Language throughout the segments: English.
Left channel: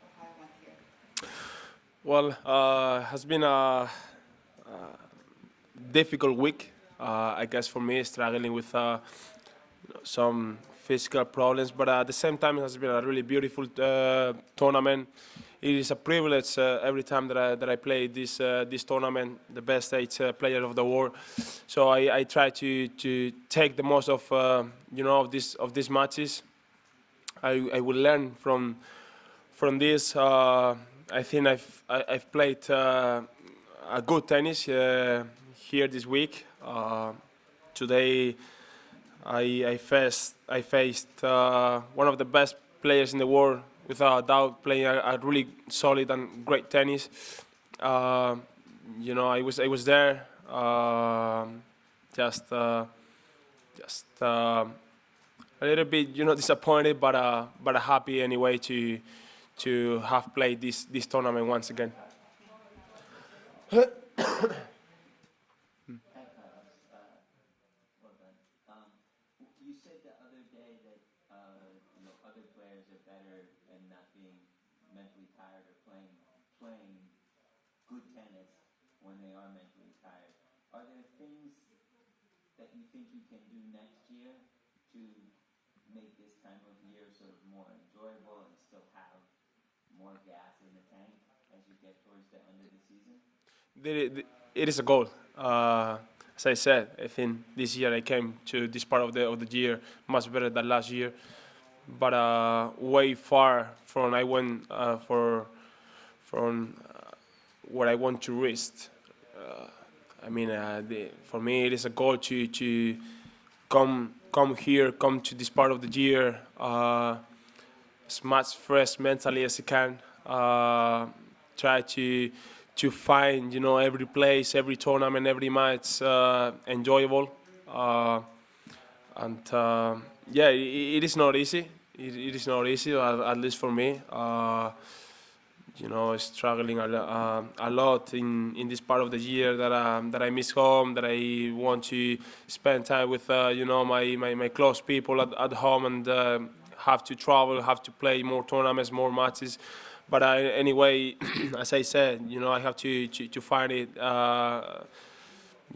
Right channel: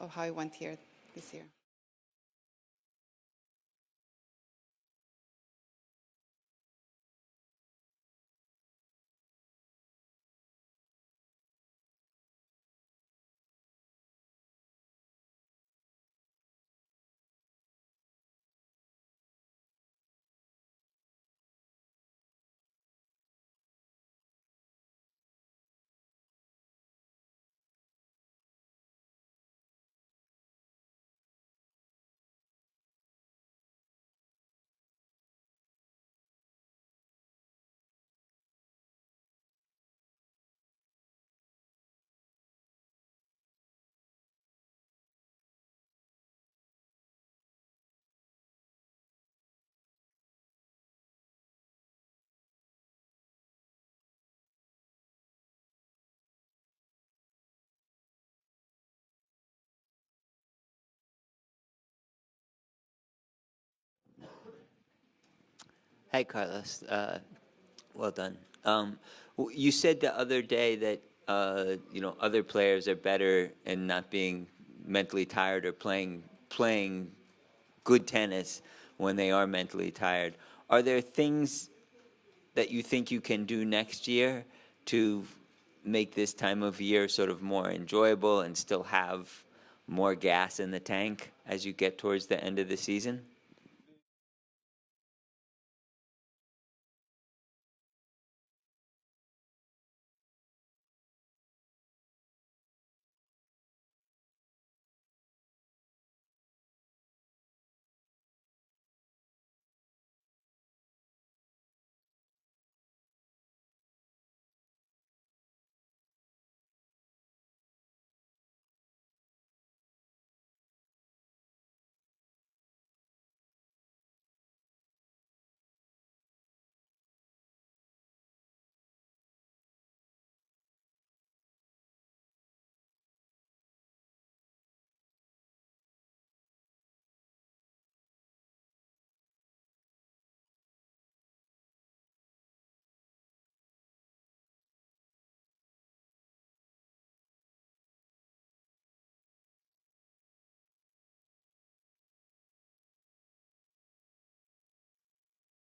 of how it went here this year? Well, has been a difficult week. I guess for me, struggling with some physical problems, but at the same time, it has been a really beautiful tournament. It is a privilege every time that I play this tournament, the best eight player of the world. So I try to take the most of of these matches. I will learn from this. I think I've played a good tennis here this week. Today I faced one of the best players in the world, without a doubt, playing a really solid and great tennis. Uh, I was there, just a little bit, disappointed, but happy anyway to have played this tournament once again. Hi, Carlos. Well done. You said the other day that other players are better in not being mentally tired or playing good tennis when they are mentally tired. Are there things that you think you can do next year to make this time of year sort of more enjoyable and still have more gas in the tank as you get towards the end of the season? It is a goal. As I said, I think this year I came to this part of the year much better than last year, but way far from I went from where I want to reach. For me, it is a goal to come here, come to this part of the year as much fresh mentally as I can. Try to find every place, every tournament, every match enjoyable, and yeah, it is not easy. It is not easy, at least for me. Struggling a lot in this part of the year that I miss home, that I want to spend time with my close people at home, and have to travel, have to play more tournaments, more matches. But anyway, as I said, I have to find it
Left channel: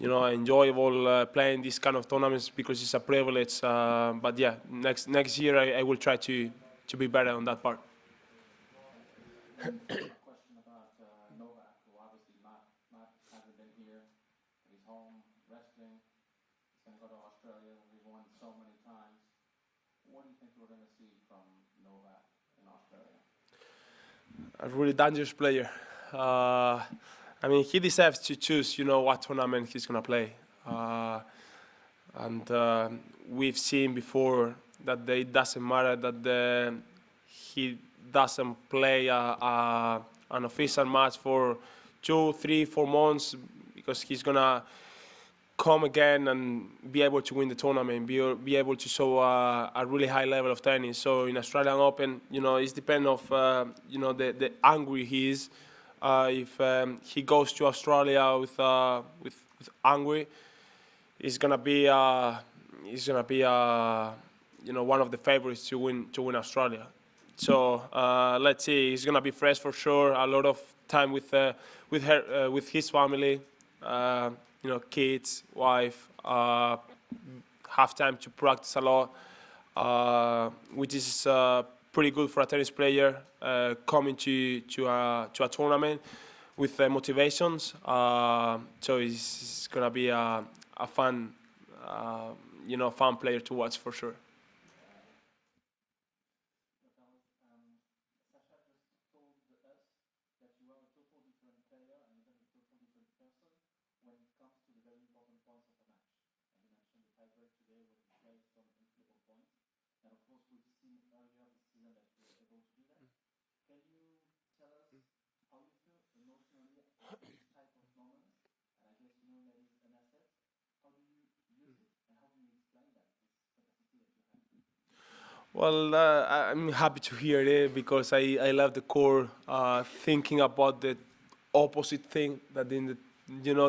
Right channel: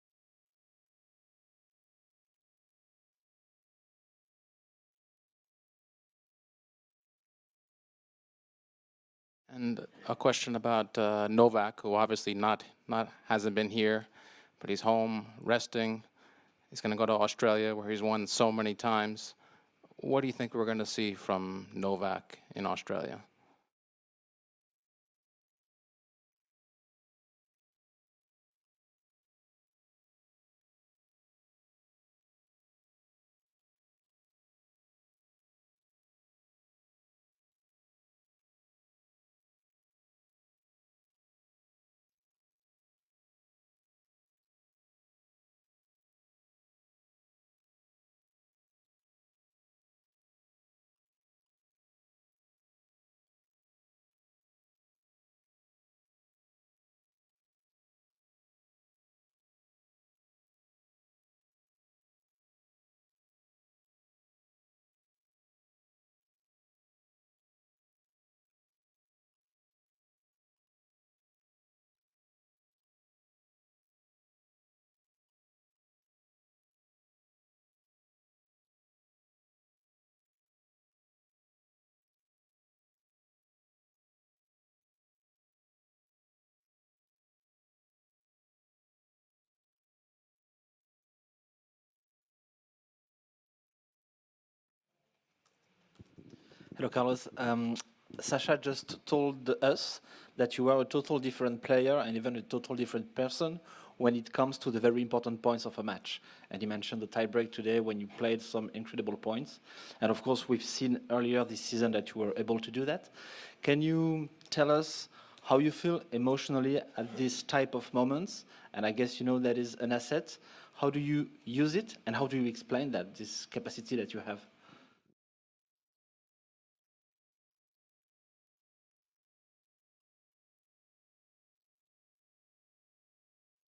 enjoyable playing these kind of tournaments, because it's a privilege. But yeah, next year I will try to be better on that part. And a question about Novak, who obviously not hasn't been here, but he's home resting. He's going to go to Australia, where he's won so many times. What do you think we're going to see from Novak in Australia? A really dangerous player. He deserves to choose, what tournament he's going to play. And we've seen before that it doesn't matter that he doesn't play an official match for 2, 3, 4 months, because he's going to come again and be able to win the tournament, be able to show a really high level of tennis. So in Australian Open, it's depend of the angry he is. If he goes to Australia with angry, he's gonna be one of the favorites to win Australia. So let's see. He's gonna be fresh for sure. A lot of time with his family. Kids, wife, have time to practice a lot, which is pretty good for a tennis player coming to a tournament with motivations. So it's gonna be a fun, fun player to watch for sure. Hello, Carlos. Sasha just told us that you are a total different player and even a total different person when it comes to the very important points of a match. And he mentioned the tiebreak today when you played some incredible points. And of course, we've seen earlier this season that you were able to do that. Can you tell us how you feel emotionally at this type of moments? And I guess you know that is an asset. How do you use it, and how do you explain that, this capacity that you have? Well, I'm happy to hear it, because I love the core thinking about the opposite thing, that in the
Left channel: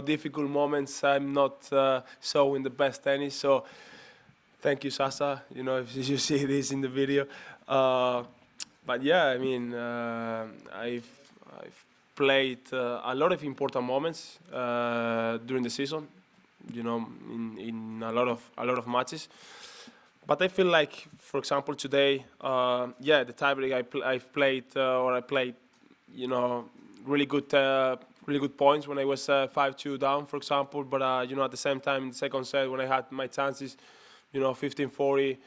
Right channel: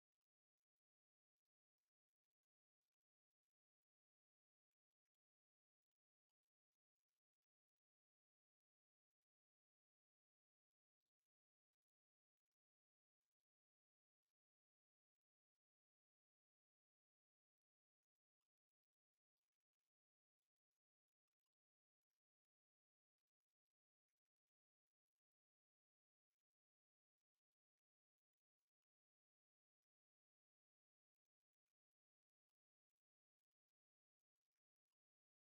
difficult moments I'm not showing the best tennis. So thank you, Sasa. If you see this in the video, but yeah, I mean, I've played a lot of important moments during the season. You know, in a lot of matches. But I feel like, for example, today, yeah, the tiebreak I've played or I played, you know, really good points when I was 5-2 down, for example. But you know, at the same time, in the second set, when I had my chances, you know, 15-40,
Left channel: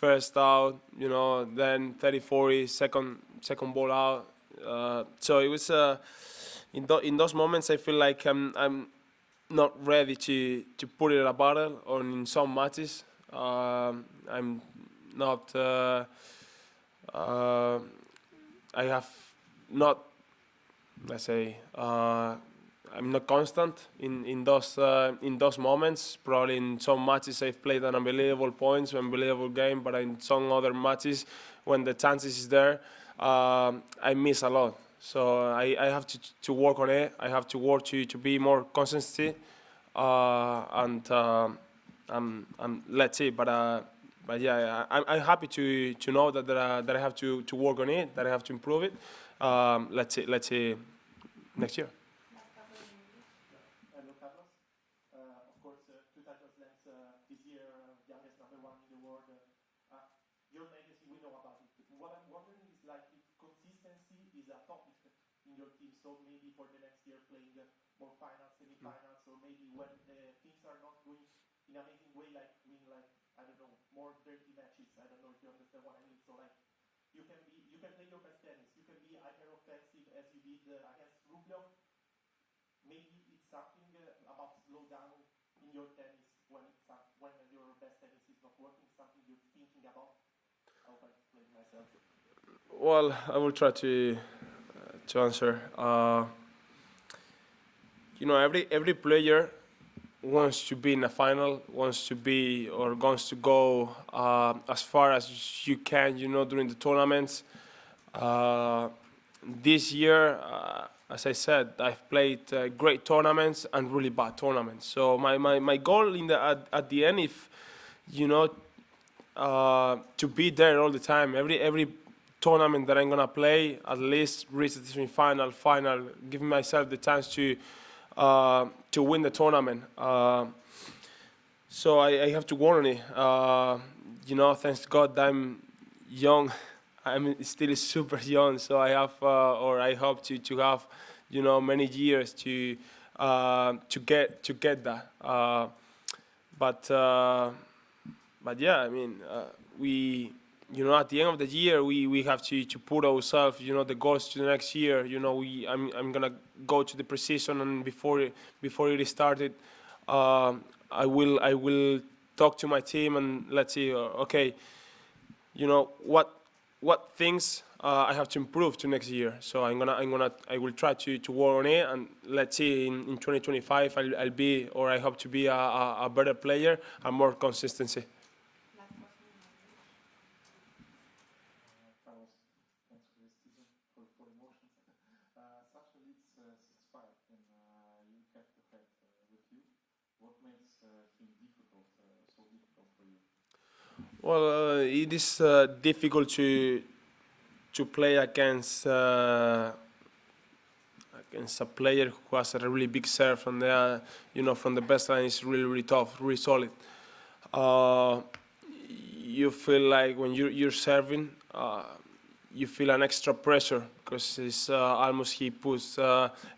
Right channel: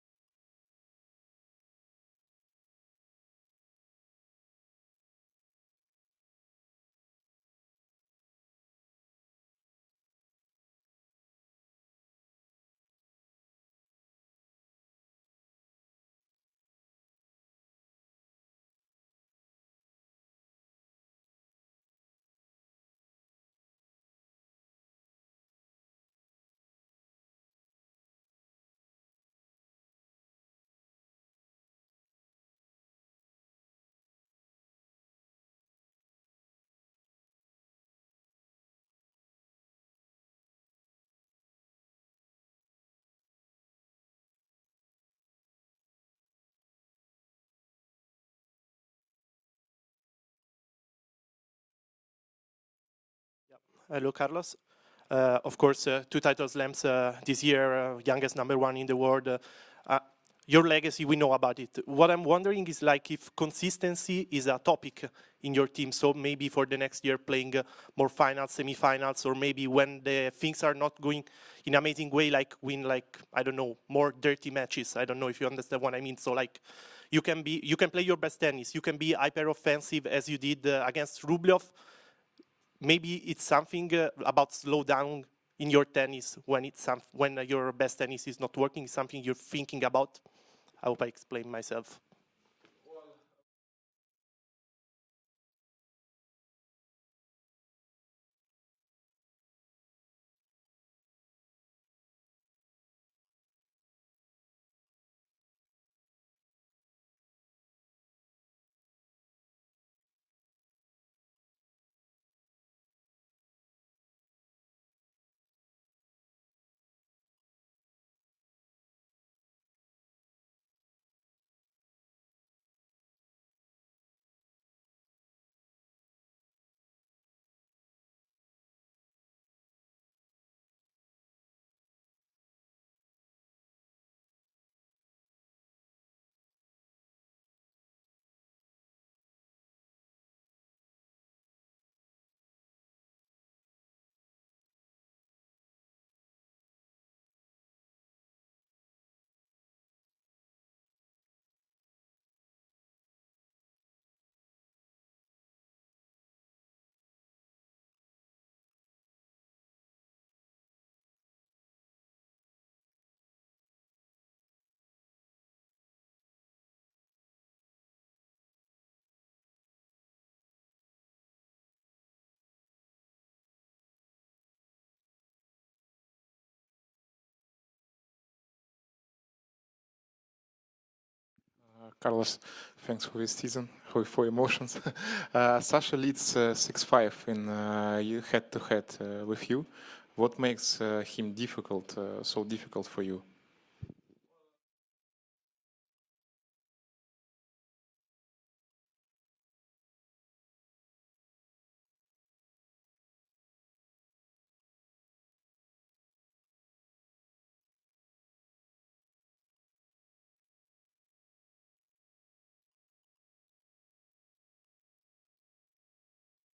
first out, you know, then 30-40, second ball out. So it was in those moments I feel like I'm not ready to put it in a battle or in some matches. I'm not. I have not. Let's say I'm not constant in those moments. Probably in some matches I've played an unbelievable points, unbelievable game, but in some other matches when the chances is there, I miss a lot. So I have to work on it. I have to work to be more consistency, and let's see. But yeah, I'm happy to know that I have to work on it, that I have to improve it. Let's see next year. Hello, Carlos. Of course, 2 title slams this year, youngest #1 in the world. Your legacy, we know about it. What I'm wondering is like if consistency is a topic in your team. So maybe for the next year playing more finals, semifinals, or maybe when the things are not going in an amazing way, like win like, I don't know, more dirty matches. I don't know if you understand what I mean. So like you can play your best tennis. You can be hyper offensive as you did against Rublev. Maybe it's something about slow down in your tennis when your best tennis is not working. Something you're thinking about. I hope I explained myself. Well, I will try to answer. You know, every player wants to be in a final, wants to be or wants to go as far as you can. You know, during the tournaments. This year, as I said, I've played great tournaments and really bad tournaments. So my goal at the end, if you know, to be there all the time. Every tournament that I'm gonna play, at least reach the semi-final, final, giving myself the chance to win the tournament. So I have to work on it. You know, thanks God I'm young. I'm still super young, so I have, or I hope to have, you know, many years to get that. But yeah, I mean, we, you know, at the end of the year, we have to put ourselves, you know, the goals to the next year. You know, I'm gonna go to the precision, and before it started, I will talk to my team and let's see. Okay, you know what things I have to improve to next year. So I will try to work on it, and let's see in 2025 I'll be, or I hope to be a better player and more consistency. Carlos, thanks for this season, for emotions. Sasha leads 6-5 in head-to-head with you. What makes him so difficult for you? Well, it is difficult to play against a player who has a really big serve, and you know, from the best line is really tough, really solid. You feel like when you're serving, you feel an extra pressure because it's almost he puts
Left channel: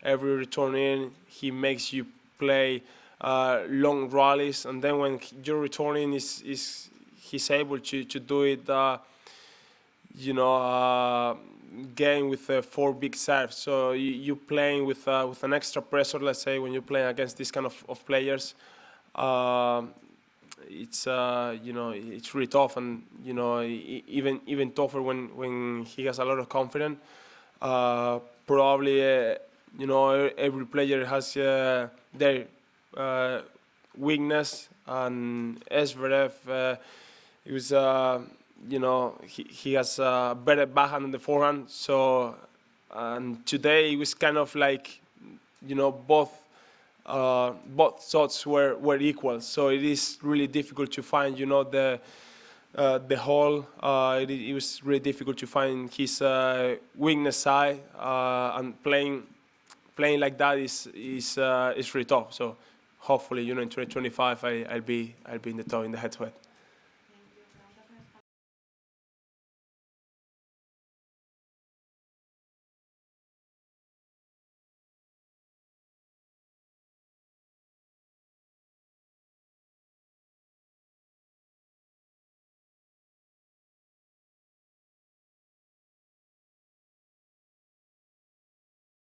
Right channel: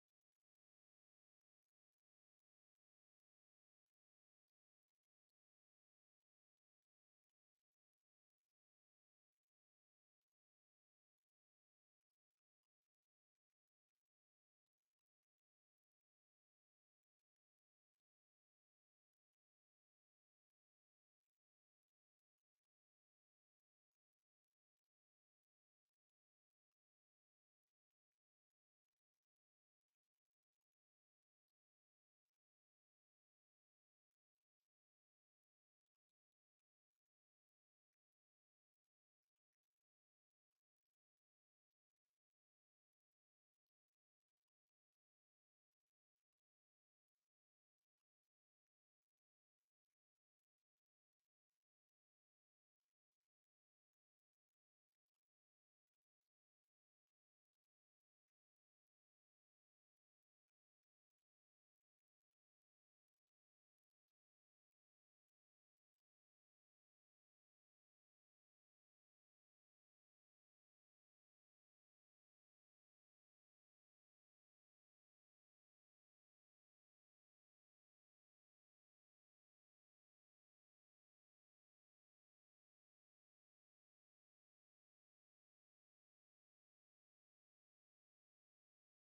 every return in. He makes you play long rallies, and then when you're returning, he's able to do it. You know, game with 4 big serves. So you playing with an extra pressure. Let's say when you're playing against this kind of players. It's you know, it's really tough, and you know, even tougher when he has a lot of confidence. Probably you know, every player has their weakness, and Zverev, it was you know, he has a better backhand than the forehand. So and today it was kind of like, you know, both shots were equal. So it is really difficult to find, you know, the the whole. It was really difficult to find his weakness side, and playing like that is really tough. So hopefully, in 2025, I'll be in the top in the head-to-head.